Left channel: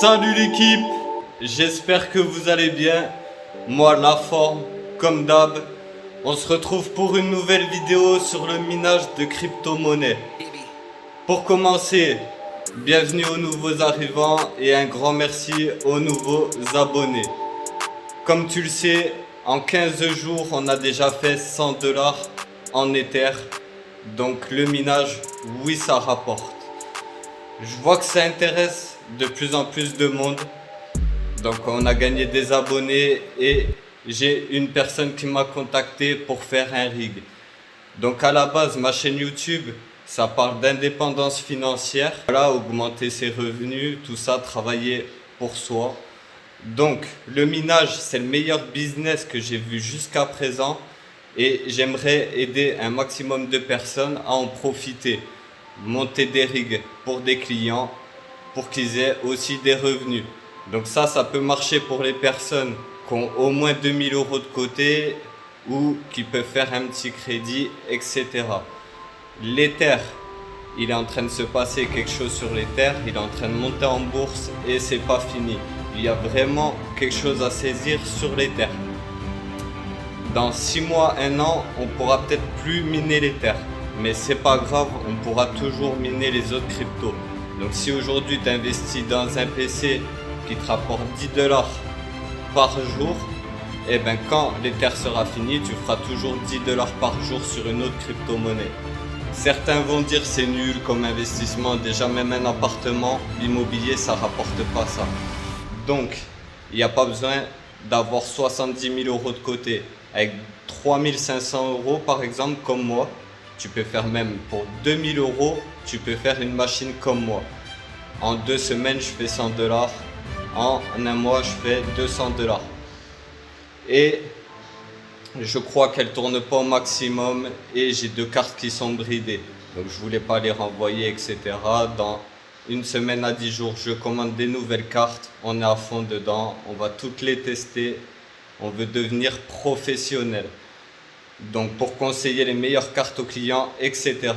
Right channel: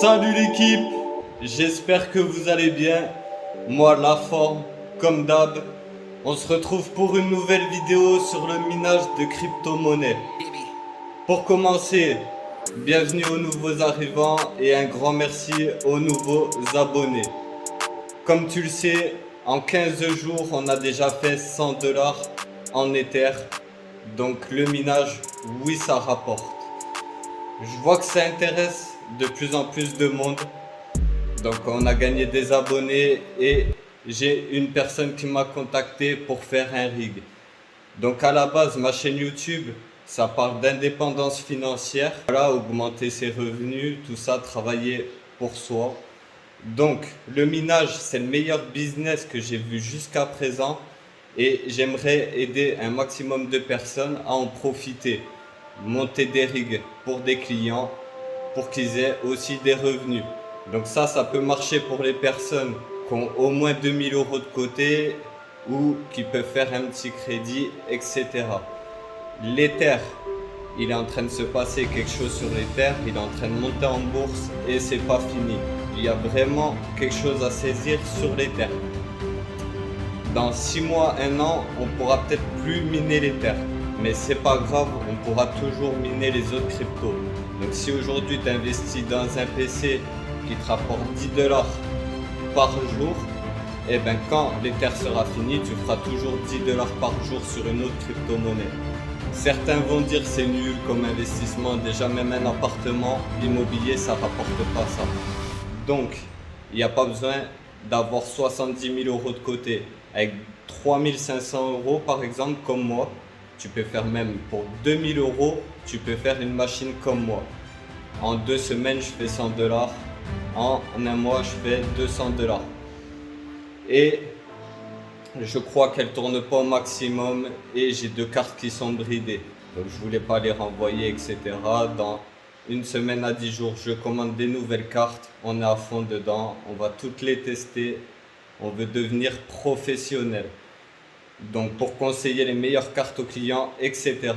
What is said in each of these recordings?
Salut l'équipe, j'espère que vous allez bien. Moi la forme, comme d'hab. On se retrouve pour une nouvelle vidéo sur le minage de crypto-monnaies. Pour commencer, bienvenue aux nouveaux arrivants et un grand merci aux nouveaux abonnés. Comme tu le sais, en 15 jours, on a déjà fait 100 $ en Ether. Donc le minage, oui, ça rapporte. Je vois que ça intéresse de plus en plus de monde. Donc on a gagné des abonnés et j'ai une personne qui m'a contacté pour faire un rig. Donc à la base, ma chaîne YouTube, ça parle d'indépendance financière. Voilà, augmenter ses revenus, tout ça, travailler pour soi. Donc le minage, c'est le meilleur business que j'ai vu jusqu'à présent et j'aimerais aider un maximum de personnes à en profiter. Monter des rigs pour des clients pour qu'ils aient aussi des revenus. Donc ça peut marcher pour les personnes qui ont au moins 2000 € de côté ou qui peuvent faire un petit crédit, etc. L'Ether, il est en train de se passer quelque chose sur l'Ether, il est en train de monter en bourse et c'est pas fini. Il y a vraiment quelque chose à saisir sur l'Ether. Dans 6 mois, 1 an, on pourra peut-être plus miner l'Ether. Mais c'est pas grave, on pourra toujours miner les autres cryptos. Donc si aujourd'hui tu investis dans un PC qui te rapporte 10 $ par jour, et ben quand l'Ether sera fini, tu feras toujours 10 $ par jour sur une autre crypto-monnaie. Certains vont dire c'est nul comme investissement, déjà même un appartement, l'immobilier ça rapporte pas ça. Donc il n'y a pas besoin d'avoir 70 000 € de côté. Avec 3500 € par exemple comme moi, tu peux faire même pour 2000 €, tu peux faire une machine comme moi. En 2 semaines, je fais 100 $. En un mois, je fais 200 $. Et je crois qu'elle tourne pas au maximum et j'ai 2 cartes qui sont bridées. Donc je voulais pas les renvoyer, etc. Dans une semaine à 10 jours, je commande des nouvelles cartes. On est à fond dedans. On va toutes les tester. On veut devenir professionnel. Donc pour conseiller les meilleures cartes aux clients, etc.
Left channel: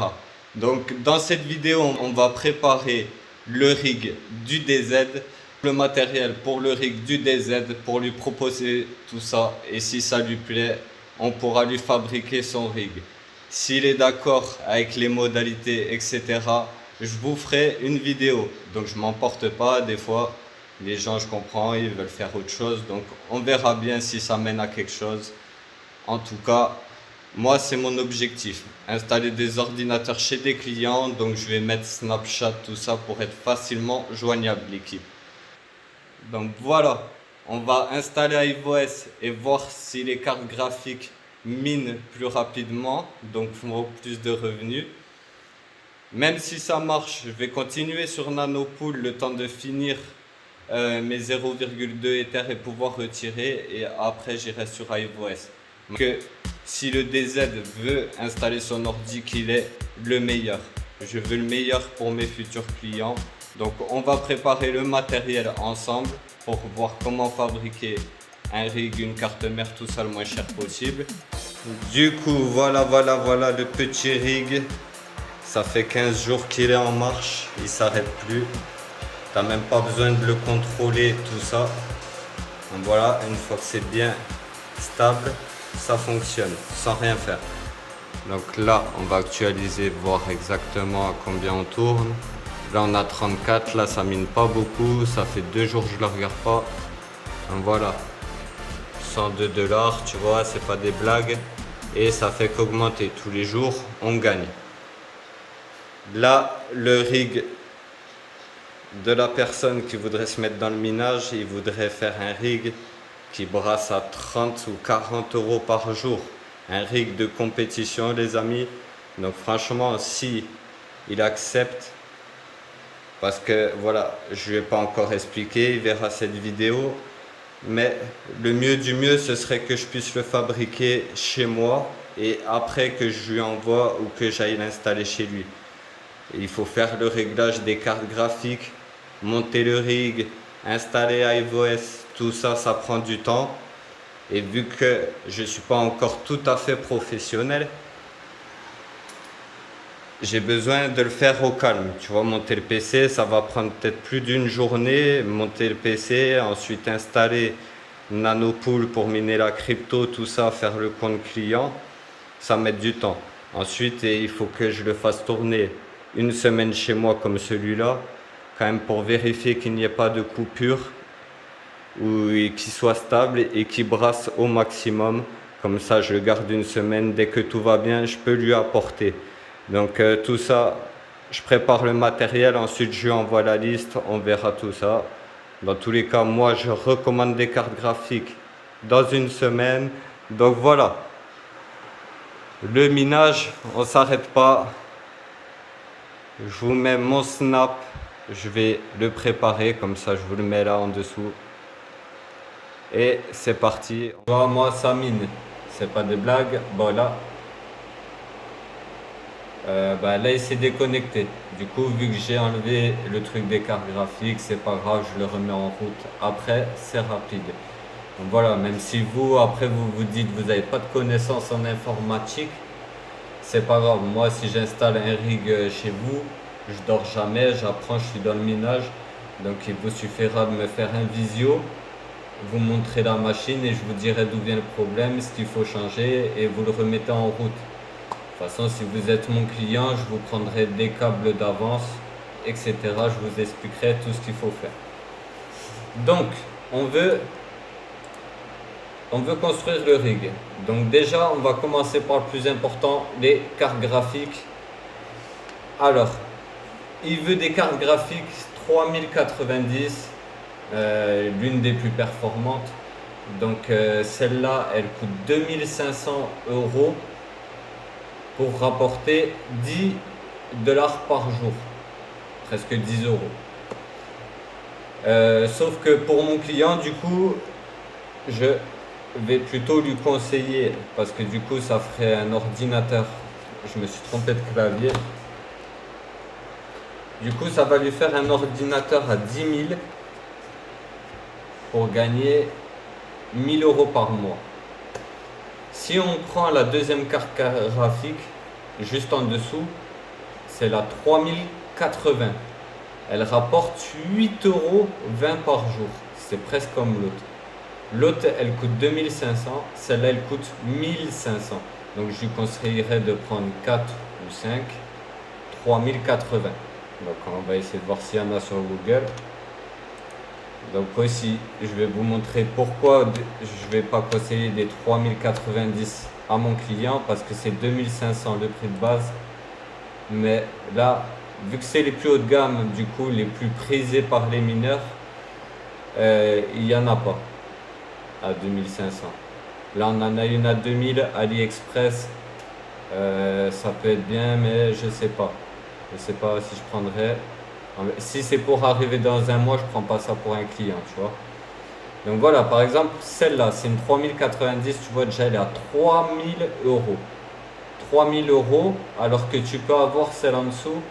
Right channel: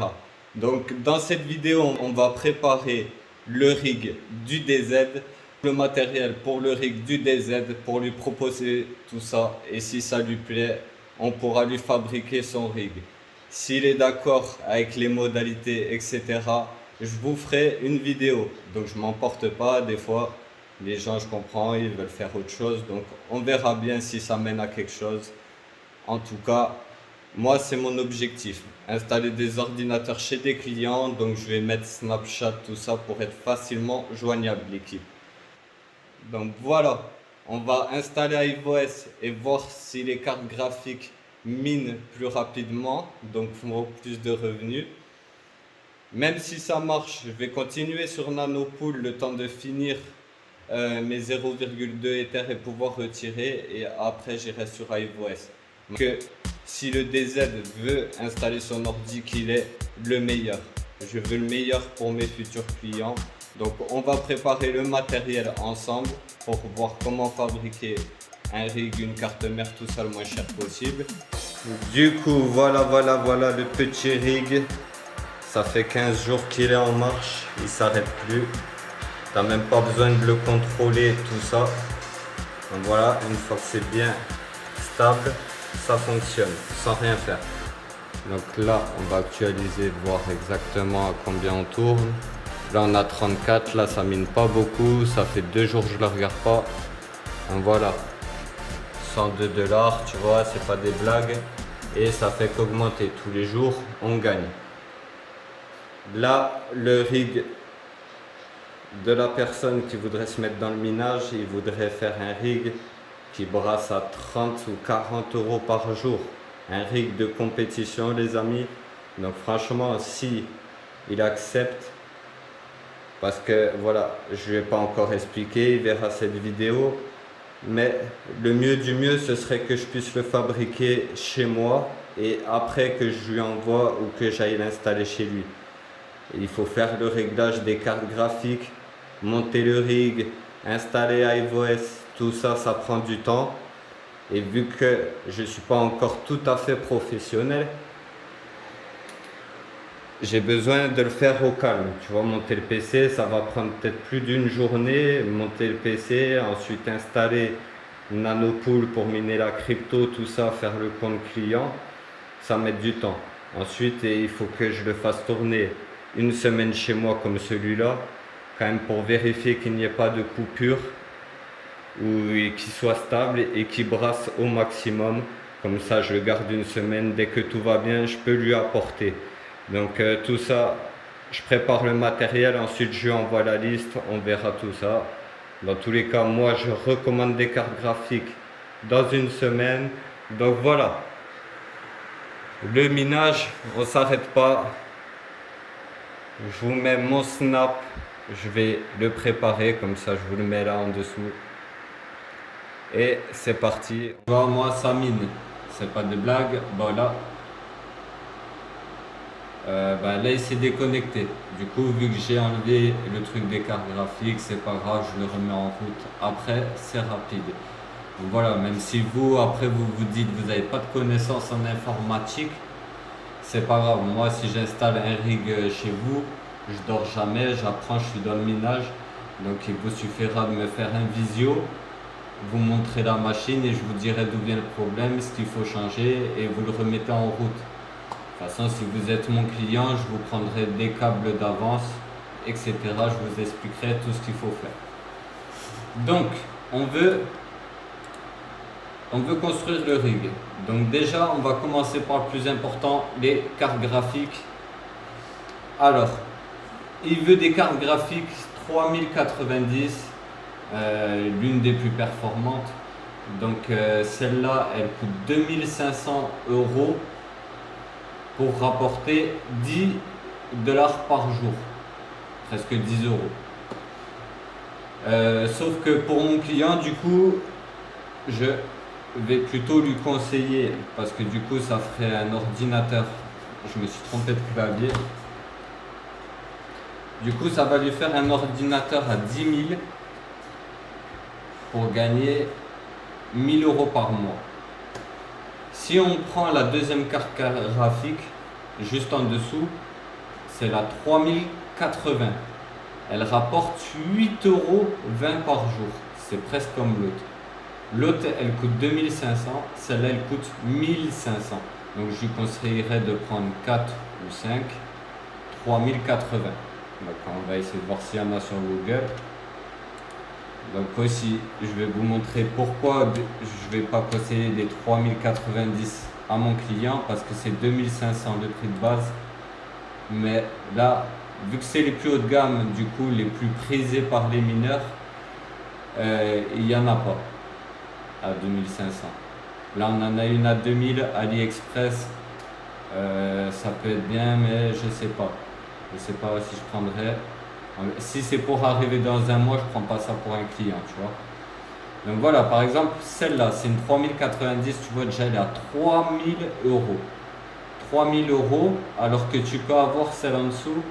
Donc dans cette vidéo, on va préparer le rig du DZ, le matériel pour le rig du DZ, pour lui proposer tout ça. Et si ça lui plaît, on pourra lui fabriquer son rig. S'il est d'accord avec les modalités, etc., je vous ferai une vidéo. Donc je m'emporte pas, des fois les gens, je comprends, ils veulent faire autre chose. Donc on verra bien si ça mène à quelque chose. En tout cas, moi, c'est mon objectif. Installer des ordinateurs chez des clients. Donc, je vais mettre Snapchat, tout ça pour être facilement joignable, l'équipe. Donc, voilà. On va installer iOS et voir si les cartes graphiques minent plus rapidement. Donc, font plus de revenus. Même si ça marche, je vais continuer sur Nanopool le temps de finir mes 0,2 Ether et pouvoir retirer. Et après, j'irai sur iOS. Que si le DZ veut installer son ordi, qu'il est le meilleur. Je veux le meilleur pour mes futurs clients. Donc on va préparer le matériel ensemble pour voir comment fabriquer un rig, une carte mère, tout ça le moins cher possible. Du coup, voilà le petit rig. Ça fait 15 jours qu'il est en marche, il s'arrête plus. T'as même pas besoin de le contrôler, tout ça. Donc voilà, une fois que c'est bien stable, ça fonctionne sans rien faire. Donc là on va actualiser, voir exactement à combien on tourne. Là on a 34, là ça mine pas beaucoup, ça fait 2 jours que je le regarde pas. Donc voilà, 102 $, tu vois, c'est pas des blagues. Et ça fait qu'augmenter tous les jours, on gagne. Là le rig de la personne qui voudrait se mettre dans le minage, il voudrait faire un rig qui brasse à 30 ou 40 € par jour. Un rig de compétition, les amis. Donc franchement, si il accepte, parce que voilà, je ne lui ai pas encore expliqué, il verra cette vidéo, mais le mieux du mieux, ce serait que je puisse le fabriquer chez moi et après que je lui envoie ou que j'aille l'installer chez lui. Il faut faire le réglage des cartes graphiques, monter le rig, installer iOS, tout ça, ça prend du temps. Et vu que je ne suis pas encore tout à fait professionnel, j'ai besoin de le faire au calme. Tu vois, monter le PC, ça va prendre peut-être plus d'une journée. Monter le PC, ensuite installer Nanopool pour miner la crypto, tout ça, faire le compte client, ça met du temps. Ensuite, il faut que je le fasse tourner une semaine chez moi comme celui-là, quand même pour vérifier qu'il n'y ait pas de coupure, ou qu'il soit stable et qu'il brasse au maximum. Comme ça, je le garde une semaine. Dès que tout va bien, je peux lui apporter. Donc tout ça, je prépare le matériel. Ensuite, je lui envoie la liste. On verra tout ça. Dans tous les cas, moi, je recommande des cartes graphiques dans une semaine. Donc voilà. Le minage, on ne s'arrête pas. Je vous mets mon snap. Je vais le préparer. Comme ça, je vous le mets là en dessous. Et c'est parti. Moi, ça mine. C'est pas des blagues. Bon, là. Là, il s'est déconnecté. Du coup, vu que j'ai enlevé le truc des cartes graphiques, c'est pas grave, je le remets en route. Après, c'est rapide. Donc voilà, même si vous, après, vous dites que vous n'avez pas de connaissances en informatique, c'est pas grave. Moi, si j'installe un rig chez vous, je dors jamais, j'apprends, je suis dans le minage. Donc, il vous suffira de me faire un visio, vous montrer la machine et je vous dirai d'où vient le problème, ce qu'il faut changer et vous le remettez en route. De toute façon, si vous êtes mon client, je vous prendrai des câbles d'avance, etc. Je vous expliquerai tout ce qu'il faut faire. Donc, on veut construire le rig. Donc déjà, on va commencer par le plus important, les cartes graphiques. Alors, il veut des cartes graphiques 3090, l'une des plus performantes. Donc celle-là, elle coûte 2500 € pour rapporter 10 $ par jour, presque 10 €. Sauf que pour mon client, du coup, je vais plutôt lui conseiller, parce que du coup, ça ferait un ordinateur. Je me suis trompé de clavier. Du coup, ça va lui faire un ordinateur à 10 000 pour gagner 1000 € par mois. Si on prend la deuxième carte graphique, juste en dessous, c'est la 3080. Elle rapporte 8,20 € par jour. C'est presque comme l'autre. L'autre, elle coûte 2500. Celle-là, elle coûte 1500. Donc, je lui conseillerais de prendre 4 ou 5. 3080. Donc, on va essayer de voir s'il y en a sur Google. Donc aussi, je vais vous montrer pourquoi je ne vais pas conseiller des 3090 à mon client, parce que c'est 2500 le prix de base. Mais là, vu que c'est les plus haut de gamme, du coup les plus prisés par les mineurs, il n'y en a pas à 2500. Là, on en a une à 2000, AliExpress. Ça peut être bien, mais je sais pas. Je sais pas si je prendrais. Si c'est pour arriver dans un mois, je prends pas ça pour un client, tu vois. Donc voilà, par exemple, celle-là, c'est une 3090, tu vois, déjà elle est à 3000 €. 3000 €, alors que tu peux avoir celle en dessous,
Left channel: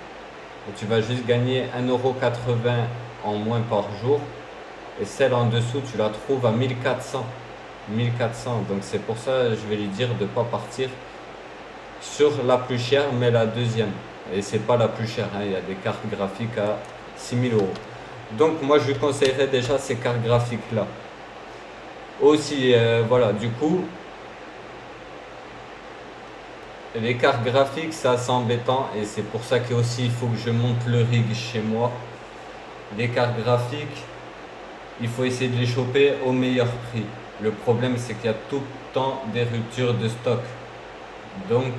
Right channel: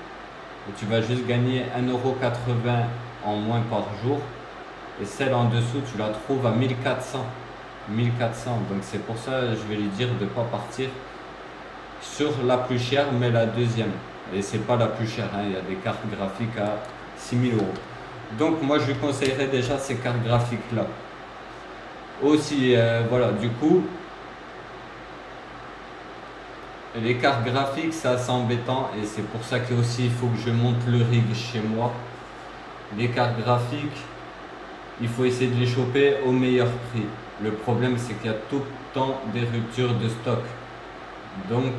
et tu vas juste gagner 1,80 € en moins par jour. Et celle en dessous, tu la trouves à 1400. 1400. Donc c'est pour ça que je vais lui dire de ne pas partir sur la plus chère, mais la deuxième. Et c'est pas la plus chère, hein. Il y a des cartes graphiques à 6000 €. Donc moi je lui conseillerais déjà ces cartes graphiques là. Aussi, voilà, du coup, les cartes graphiques, c'est assez embêtant et c'est pour ça qu'aussi il faut que je monte le rig chez moi. Les cartes graphiques, il faut essayer de les choper au meilleur prix. Le problème, c'est qu'il y a tout le temps des ruptures de stock. Donc,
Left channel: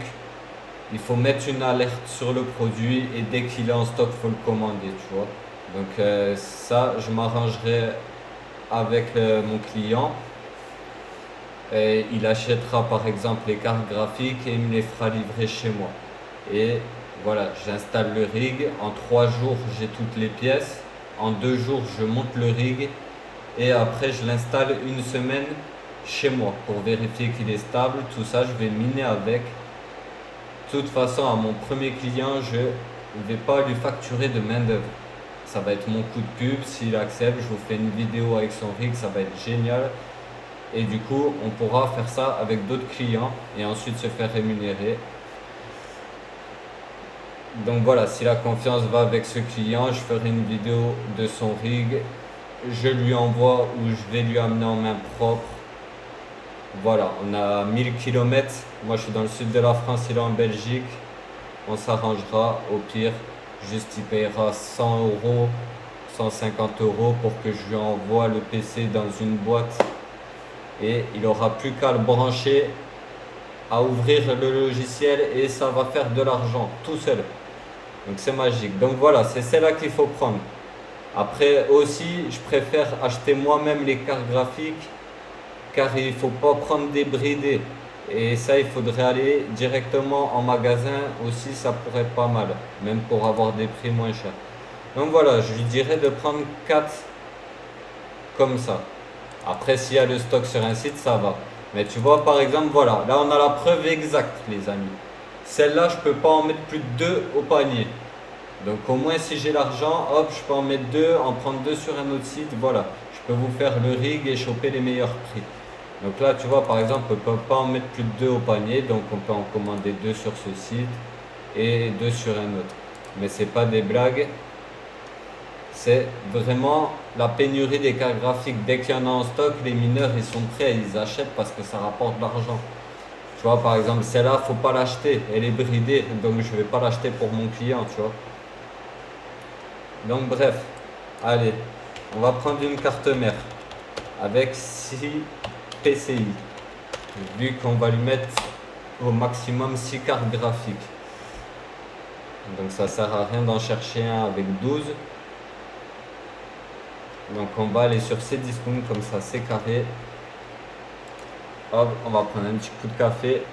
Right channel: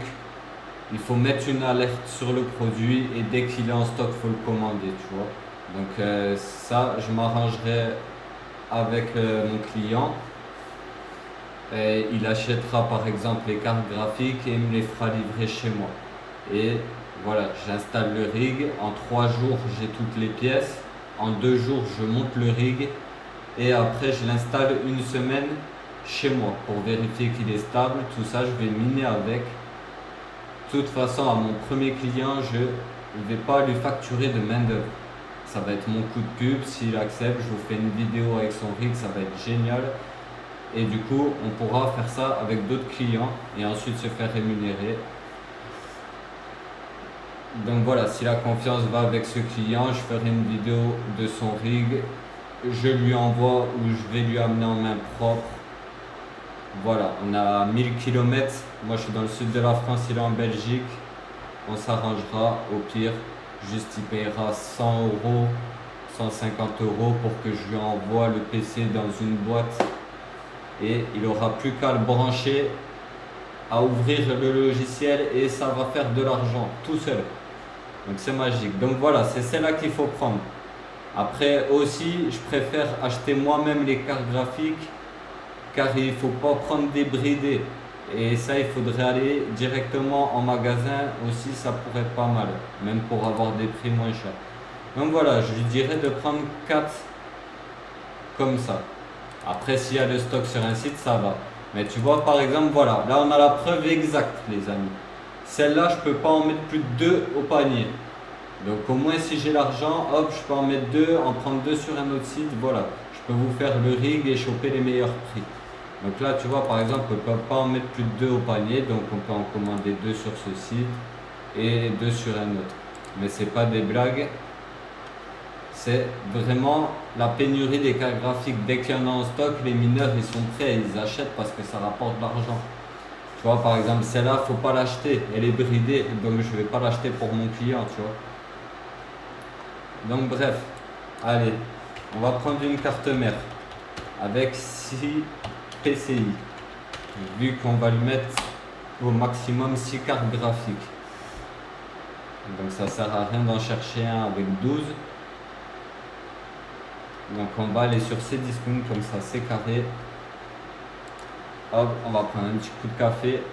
il faut mettre une alerte sur le produit et dès qu'il est en stock, il faut le commander, tu vois. Donc ça, je m'arrangerai avec mon client. Et il achètera par exemple les cartes graphiques et il me les fera livrer chez moi. Et voilà, j'installe le rig. En 3 jours, j'ai toutes les pièces. En 2 jours, je monte le rig. Et après, je l'installe une semaine chez moi pour vérifier qu'il est stable. Tout ça, je vais miner avec. De toute façon, à mon premier client, je ne vais pas lui facturer de main d'œuvre. Ça va être mon coup de pub. S'il accepte, je vous fais une vidéo avec son rig, ça va être génial. Et du coup, on pourra faire ça avec d'autres clients et ensuite se faire rémunérer. Donc voilà, si la confiance va avec ce client, je ferai une vidéo de son rig. Je lui envoie ou je vais lui amener en main propre. Voilà, on a 1000 km. Moi je suis dans le sud de la France, il est en Belgique. On s'arrangera. Au pire, juste il paiera 100 euros, 150 euros pour que je lui envoie le PC dans une boîte. Et il aura plus qu'à le brancher, à ouvrir le logiciel et ça va faire de l'argent tout seul. Donc c'est magique. Donc voilà, c'est celle-là qu'il faut prendre. Après aussi, je préfère acheter moi-même les cartes graphiques car il ne faut pas prendre des bridés. Et ça, il faudrait aller directement en magasin aussi, ça pourrait être pas mal, même pour avoir des prix moins chers. Donc voilà, je lui dirais de prendre 4 comme ça. Après, s'il y a le stock sur un site, ça va. Mais tu vois, par exemple, voilà, là on a la preuve exacte, les amis. Celle-là, je peux pas en mettre plus de 2 au panier. Donc au moins, si j'ai l'argent, hop, je peux en mettre 2, en prendre 2 sur un autre site, voilà. Je peux vous faire le rig et choper les meilleurs prix. Donc là, tu vois, par exemple, on ne peut pas en mettre plus de 2 au panier, donc on peut en commander 2 sur ce site et 2 sur un autre. Mais c'est pas des blagues, c'est vraiment la pénurie des cartes graphiques. Dès qu'il y en a en stock, les mineurs, ils sont prêts, ils achètent parce que ça rapporte de l'argent. Tu vois, par exemple, celle-là, faut pas l'acheter, elle est bridée, donc je vais pas l'acheter pour mon client, tu vois. Donc bref, allez, on va prendre une carte mère avec 6 PCI, vu qu'on va lui mettre au maximum 6 cartes graphiques. Donc ça sert à rien d'en chercher un avec 12. Donc on va aller sur ces discounts comme ça, c'est carré. Hop, on va prendre un petit coup de café.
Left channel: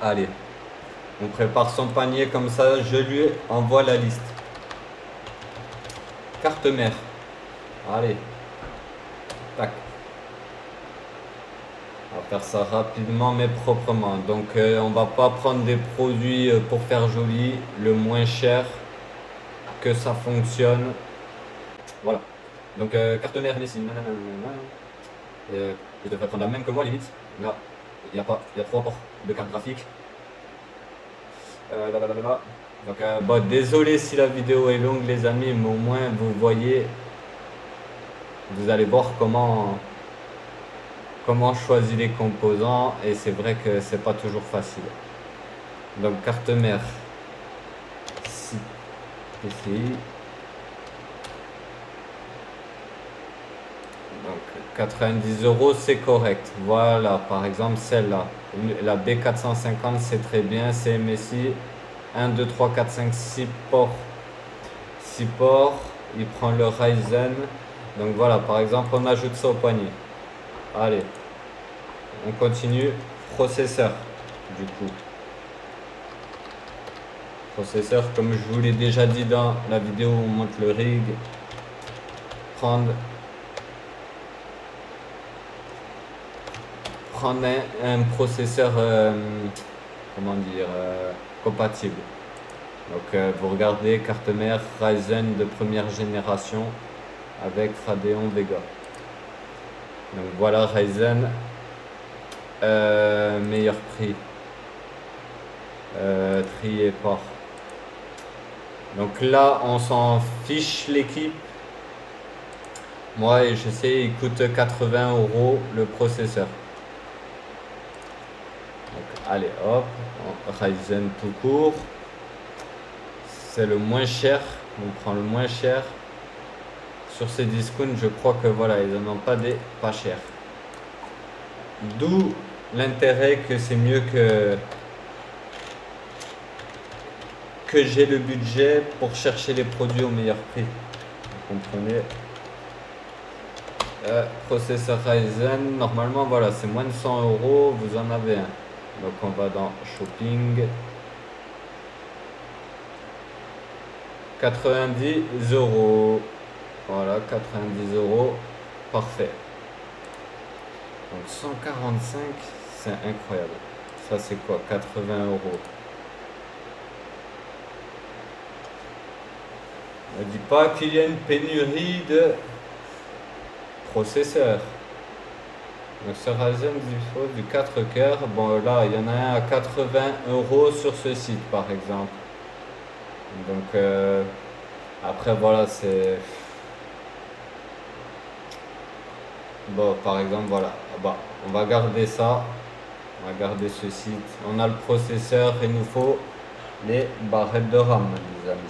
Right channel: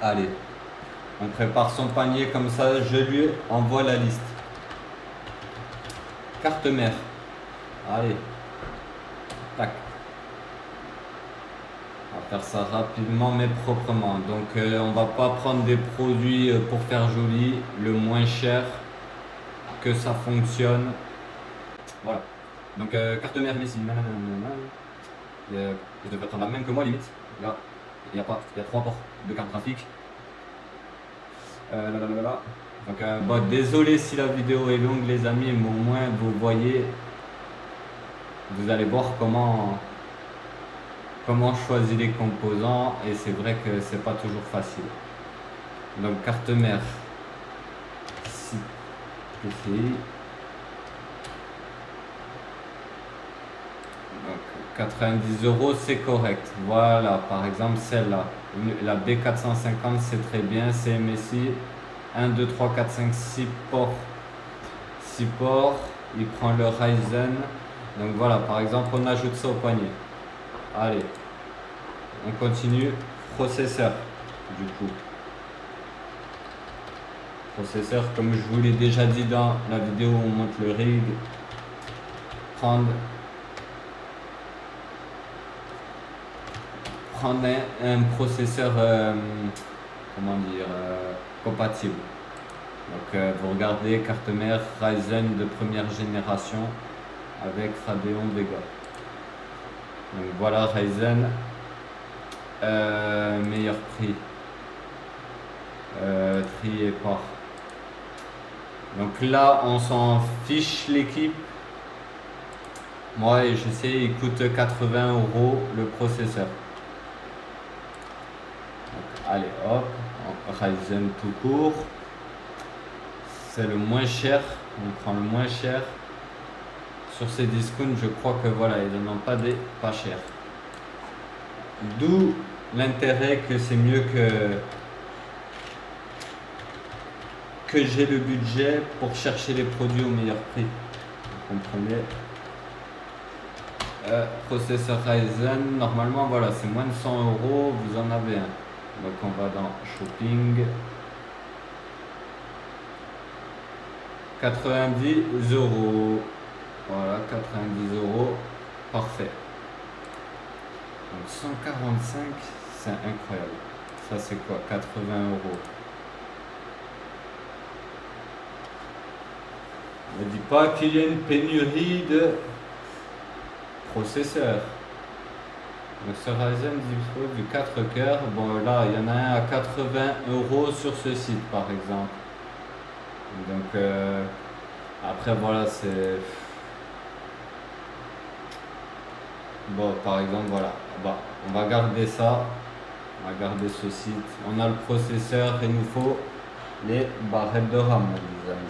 Allez, on prépare son panier comme ça, je lui envoie la liste. Carte mère. Allez. Tac. On va faire ça rapidement mais proprement. Donc on va pas prendre des produits pour faire joli, le moins cher, que ça fonctionne. Voilà. Donc carte mère ici. Je devrais prendre la même que moi limite. Là, il y a 3 ports de carte graphique. Donc bon, désolé si la vidéo est longue les amis, mais au moins vous voyez, vous allez voir comment choisir les composants et c'est vrai que c'est pas toujours facile. Donc carte mère ici. Donc 90 euros c'est correct. Voilà, par exemple celle-là, la B450 c'est très bien, c'est MSI 1, 2, 3, 4, 5, 6 ports. 6 ports, il prend le Ryzen. Donc voilà, par exemple on ajoute ça au panier. Allez, on continue. Processeur, du coup. Processeur, comme je vous l'ai déjà dit dans la vidéo où on monte le rig. Prendre un processeur, comment dire, compatible. Donc vous regardez carte mère Ryzen de première génération avec Radeon Vega. Donc voilà Ryzen, meilleur prix, trié par. Donc là on s'en fiche l'équipe. Moi je sais il coûte 80 euros le processeur. Donc, allez hop, Ryzen tout court. C'est le moins cher, on prend le moins cher. Sur ces discounts, je crois que voilà, ils n'en ont pas des pas chers. D'où l'intérêt que c'est mieux que j'ai le budget pour chercher les produits au meilleur prix. Vous comprenez? Processeur Ryzen, normalement voilà, c'est moins de 100 euros, vous en avez un. Donc on va dans Shopping. 90 euros. Voilà, 90 euros. Parfait. Donc 145, c'est incroyable. Ça c'est quoi? 80 euros. Ne dis pas qu'il y a une pénurie de processeurs. Donc ce Ryzen dispose du 4 coeurs. Bon là, il y en a un à 80 € sur ce site par exemple. Donc après voilà, c'est... Bon, par exemple, voilà. Bah, on va garder ça. On va garder ce site. On a le processeur, il nous faut les barrettes de RAM, les amis.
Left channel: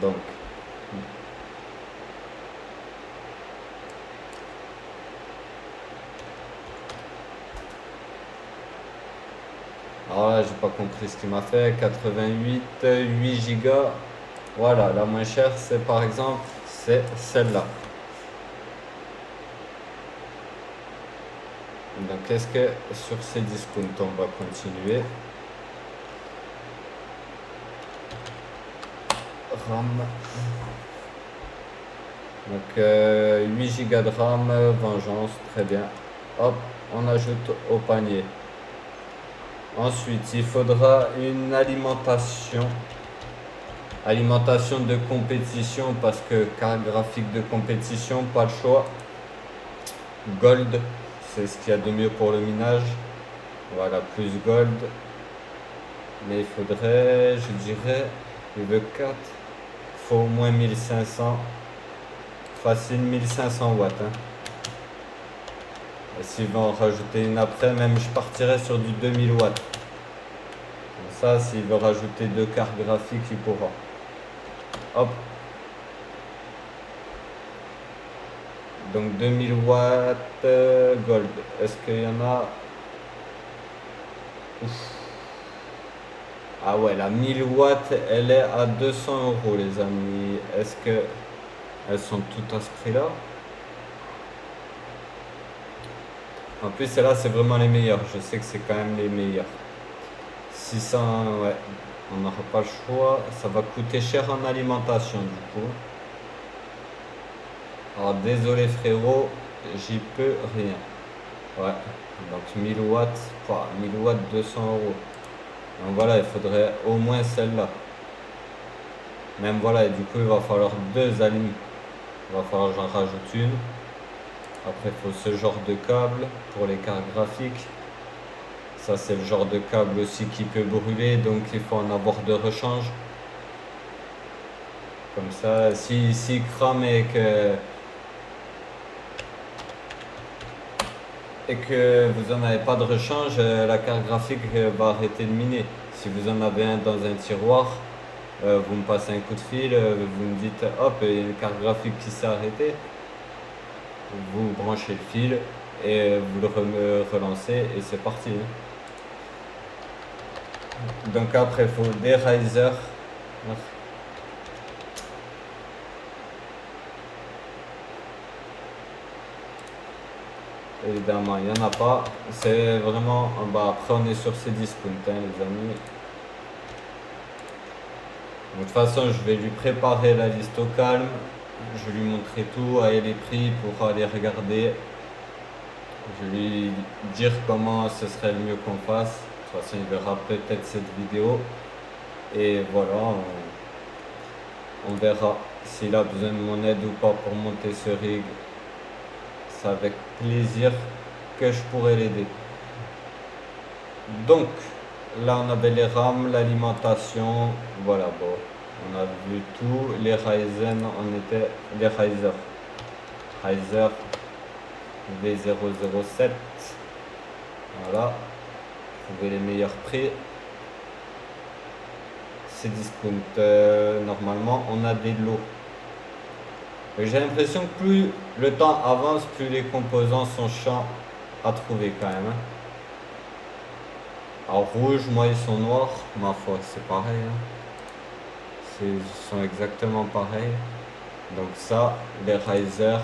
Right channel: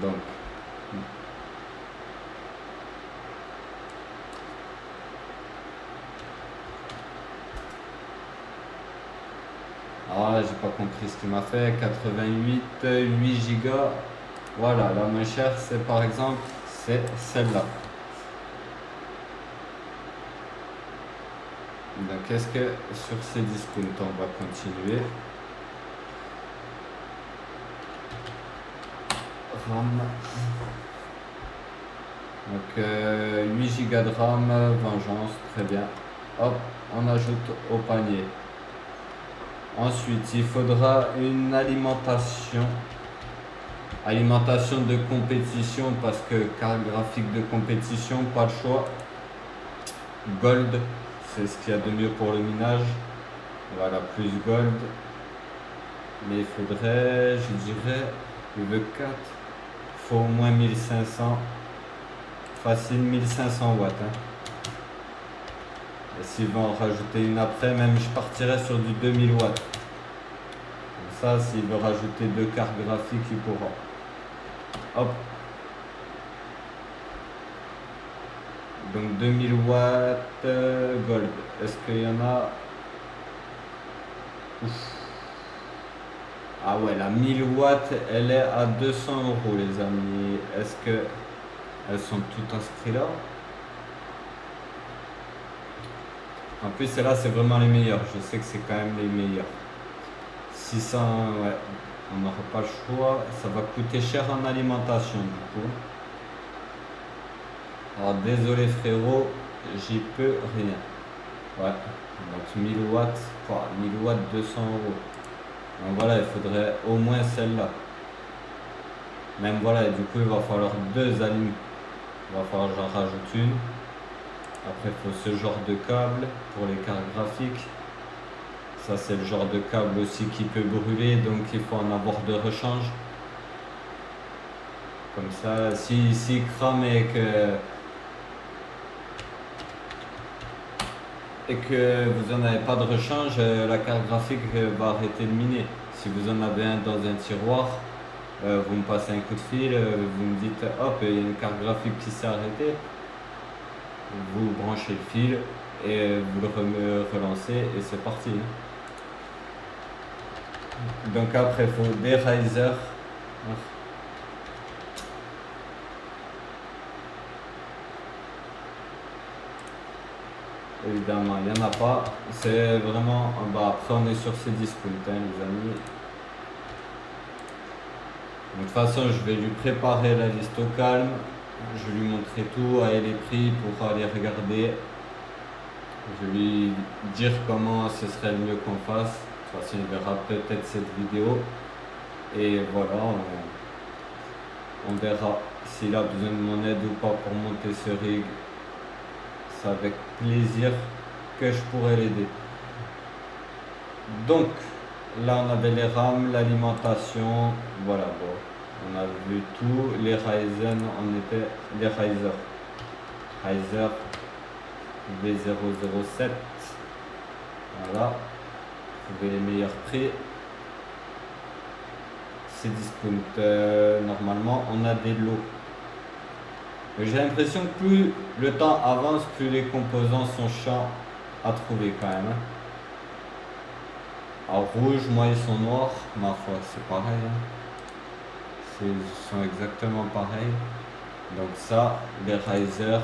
Donc, alors là, j'ai pas compris ce qu'il m'a fait. 88, 8 Go. Voilà, la moins chère, c'est par exemple, c'est celle-là. Donc, est-ce que sur ces discounts, on va continuer? RAM. Donc 8 Go de RAM, vengeance, très bien. Hop, on ajoute au panier. Ensuite, il faudra une alimentation. Alimentation de compétition parce que carte graphique de compétition, pas le choix. Gold, c'est ce qu'il y a de mieux pour le minage. Voilà, plus gold. Mais il faudrait, je dirais, le 4. Il faut au moins 1500. Facile 1500 watts. Hein. Et s'il va en rajouter une après, même je partirais sur du 2000 watts. Donc ça, s'il veut rajouter 2 cartes graphiques, il pourra. Hop. Donc 2000 watts gold. Est-ce qu'il y en a? Ouf. Ah ouais, la 1000 watts, elle est à 200 € les amis. Est-ce que elles sont toutes à ce prix-là? En plus, celles-là, c'est vraiment les meilleures. Je sais que c'est quand même les meilleures. 600, ouais. On n'aura pas le choix. Ça va coûter cher en alimentation, du coup. Alors, désolé frérot, j'y peux rien. Ouais. Donc, 1000 watts. 1000 watts, 200 €. Donc voilà, il faudrait au moins celle-là. Même voilà, et du coup, il va falloir 2 alignes. Il va falloir que j'en rajoute une. Après, il faut ce genre de câble pour les cartes graphiques. Ça, c'est le genre de câble aussi qui peut brûler, donc il faut en avoir de rechange. Comme ça, si crame et que vous n'en avez pas de rechange, la carte graphique va arrêter de miner. Si vous en avez un dans un tiroir, vous me passez un coup de fil, vous me dites hop, il y a une carte graphique qui s'est arrêtée. Vous branchez le fil et vous le relancez et c'est parti. Hein. Donc après, il faut des risers. Évidemment, il n'y en a pas. C'est vraiment... Bah, après, on est sur ces discounts, hein, les amis. Donc, de toute façon, je vais lui préparer la liste au calme. Je vais lui montrer tout, et les prix pour aller regarder. Je vais lui dire comment ce serait le mieux qu'on fasse. De toute façon, il verra peut-être cette vidéo. Et voilà, on verra s'il a besoin de mon aide ou pas pour monter ce rig. C'est avec plaisir que je pourrais l'aider. Donc, là on avait les RAM, l'alimentation, voilà, bon, on a vu tout. Les Ryzen, on était les Riser V007, voilà, vous avez les meilleurs prix. C'est discount, normalement on a des lots. J'ai l'impression que plus le temps avance, plus les composants sont chiants à trouver quand même. Hein. Alors rouge, moi ils sont noirs, ma foi c'est pareil. Hein. Ils sont exactement pareils. Donc ça, les risers,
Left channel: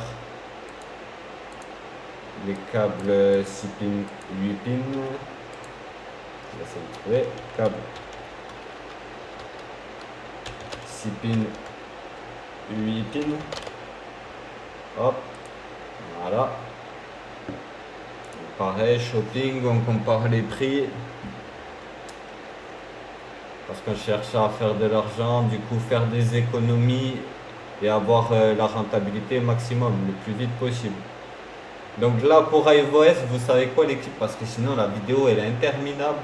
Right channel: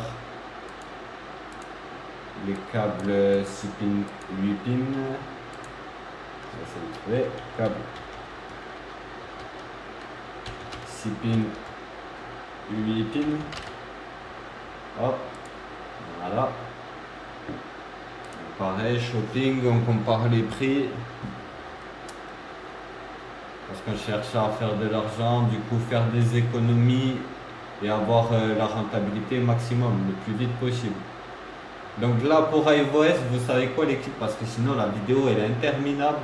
les câbles 6 pins, 8 pins. On va essayer de trouver. Câble 6 pins, 8 pins. Hop, voilà. Pareil, shopping, on compare les prix. Parce qu'on cherche à faire de l'argent, du coup faire des économies et avoir la rentabilité maximum, le plus vite possible. Donc là pour iVOS, vous savez quoi l'équipe, parce que sinon la vidéo elle est interminable.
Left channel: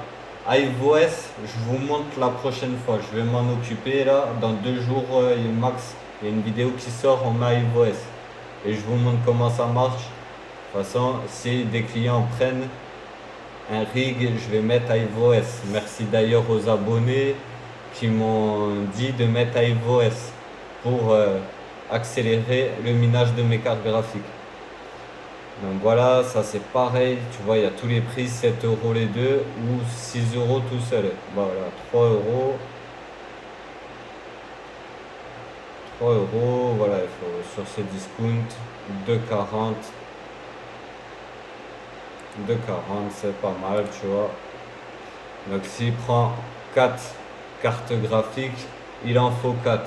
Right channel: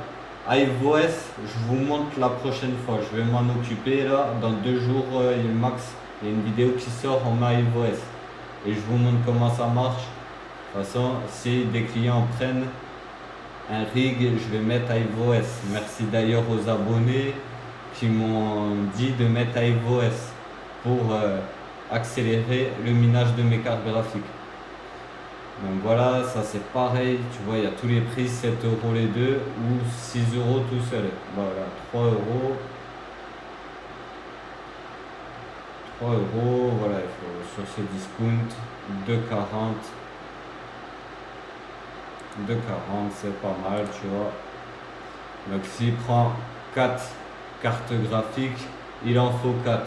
iVOS, je vous montre la prochaine fois, je vais m'en occuper là, dans 2 jours max, il y a une vidéo qui sort en iVOS. Et je vous montre comment ça marche. De toute façon, si des clients prennent un rig, je vais mettre iVOS. Merci d'ailleurs aux abonnés qui m'ont dit de mettre iVOS pour accélérer le minage de mes cartes graphiques. Donc voilà, ça c'est pareil, tu vois, il y a tous les prix, 7 euros les deux ou 6 euros tout seul. Voilà, 3 euros. 3 euros, voilà, il faut sur ce discount, 2,40. 2,40 c'est pas mal, tu vois. Donc s'il prend 4 cartes graphiques, il en faut 4.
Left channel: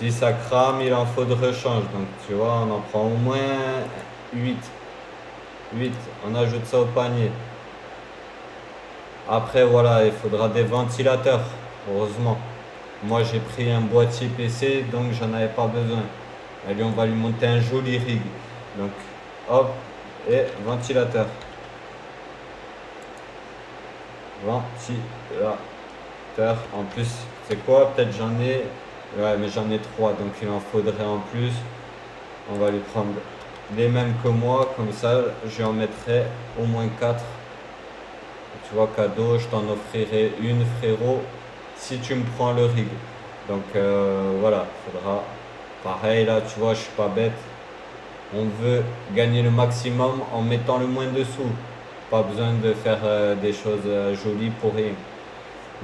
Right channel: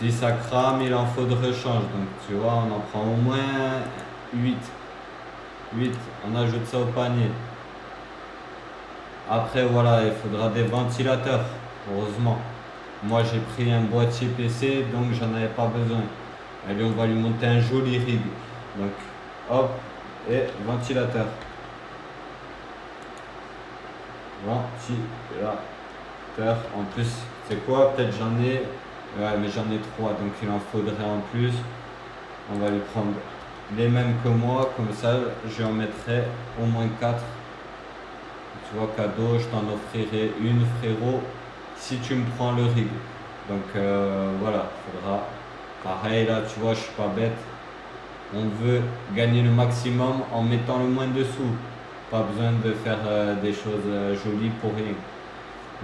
Si ça crame, il en faut de rechange. Donc tu vois, on en prend au moins 8. 8, on ajoute ça au panier. Après voilà, il faudra des ventilateurs, heureusement. Moi j'ai pris un boîtier PC, donc j'en avais pas besoin. Allez, on va lui monter un joli rig. Donc hop, et ventilateur. Ventilateur. En plus, c'est quoi? Peut-être j'en ai. Ouais, mais j'en ai 3, donc il en faudrait en plus. On va lui prendre les mêmes que moi, comme ça je en mettrai au moins 4. Tu vois, cadeau, je t'en offrirai une, frérot, si tu me prends le rig. Donc voilà, faudra. Pareil là, tu vois, je suis pas bête. On veut gagner le maximum en mettant le moins de sous. Pas besoin de faire des choses jolies pour rien.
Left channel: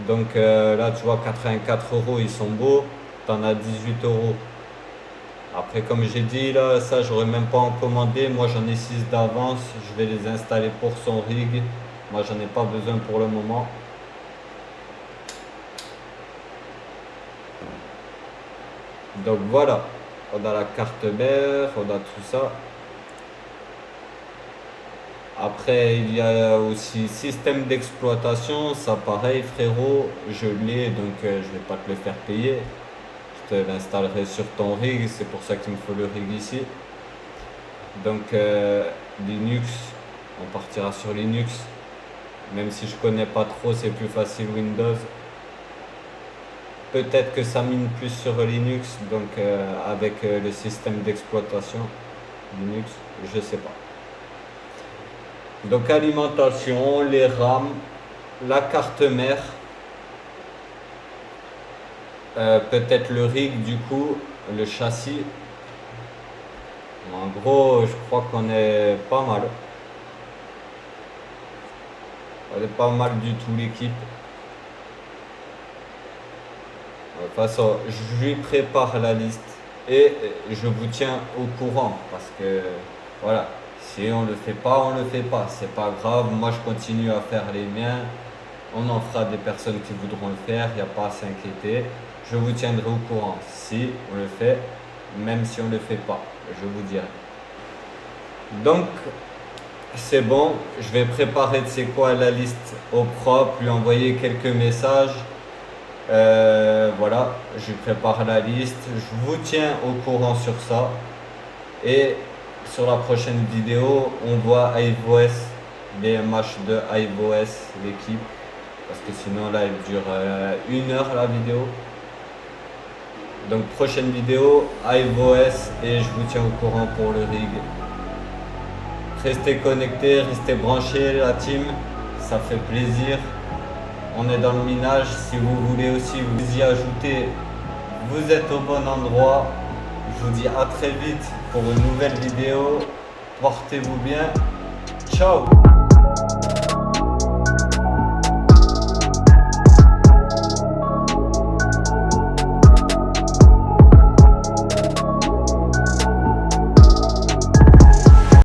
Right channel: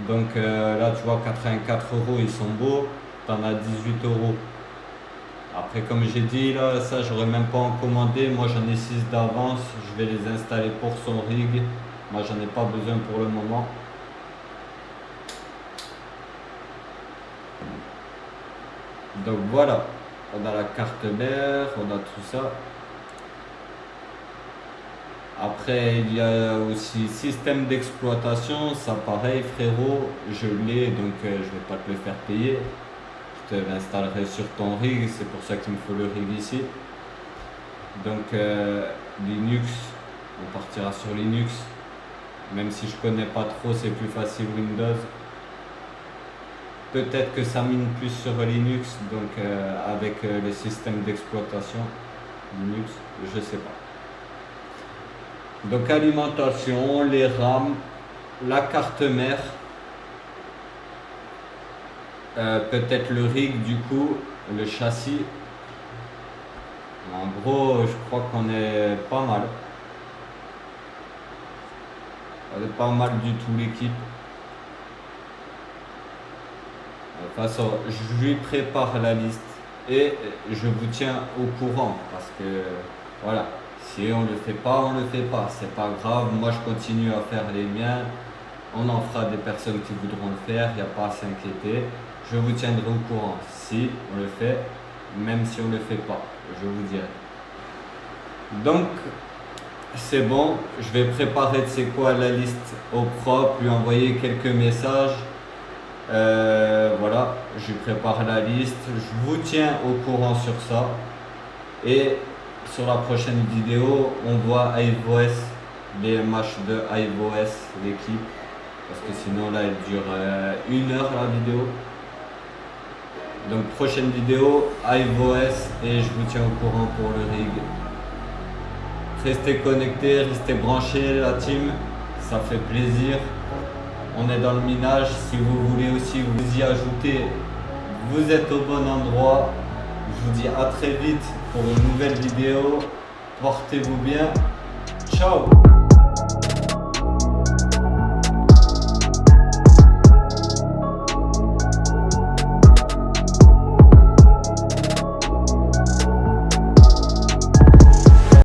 Donc là, tu vois, 84 euros, ils sont beaux. T'en as 18 euros. Après, comme j'ai dit, là, ça, j'aurais même pas en commandé. Moi, j'en ai 6 d'avance. Je vais les installer pour son rig. Moi, j'en ai pas besoin pour le moment. Donc voilà. On a la carte mère, on a tout ça. Après, il y a aussi système d'exploitation. Ça, pareil, frérot, je l'ai, donc je vais pas te le faire payer. Je te l'installerai sur ton rig. C'est pour ça qu'il me faut le rig ici. Donc, Linux, on partira sur Linux. Même si je connais pas trop, c'est plus facile Windows. Peut-être que ça mine plus sur Linux, donc avec le système d'exploitation Linux, je sais pas. Donc alimentation, les RAM, la carte mère, peut-être le rig du coup, le châssis. En gros, je crois qu'on est pas mal. On est pas mal du tout l'équipe. De toute façon, je lui prépare la liste et je vous tiens au courant parce que voilà, si on le fait pas, on le fait pas. C'est pas grave, moi je continue à faire les miens. On en fera des personnes qui voudront le faire, il n'y a pas à s'inquiéter. Je vous tiendrai au courant si on le fait, même si on le fait pas, je vous dirai. Donc, c'est bon, je vais préparer, tu sais quoi, la liste au propre, lui envoyer quelques messages. Voilà, je prépare la liste, je vous tiens au courant sur ça. Et sur la prochaine vidéo, on voit iVOS, les matchs de iVOS, l'équipe. Parce que sinon là, elle dure 1 heure la vidéo. Donc prochaine vidéo, iVOS, et je vous tiens au courant pour le rig. Restez connectés, restez branchés la team, ça fait plaisir. On est dans le minage, si vous voulez aussi vous y ajouter, vous êtes au bon endroit. Je vous dis à très vite pour une nouvelle vidéo. Portez-vous bien. Ciao!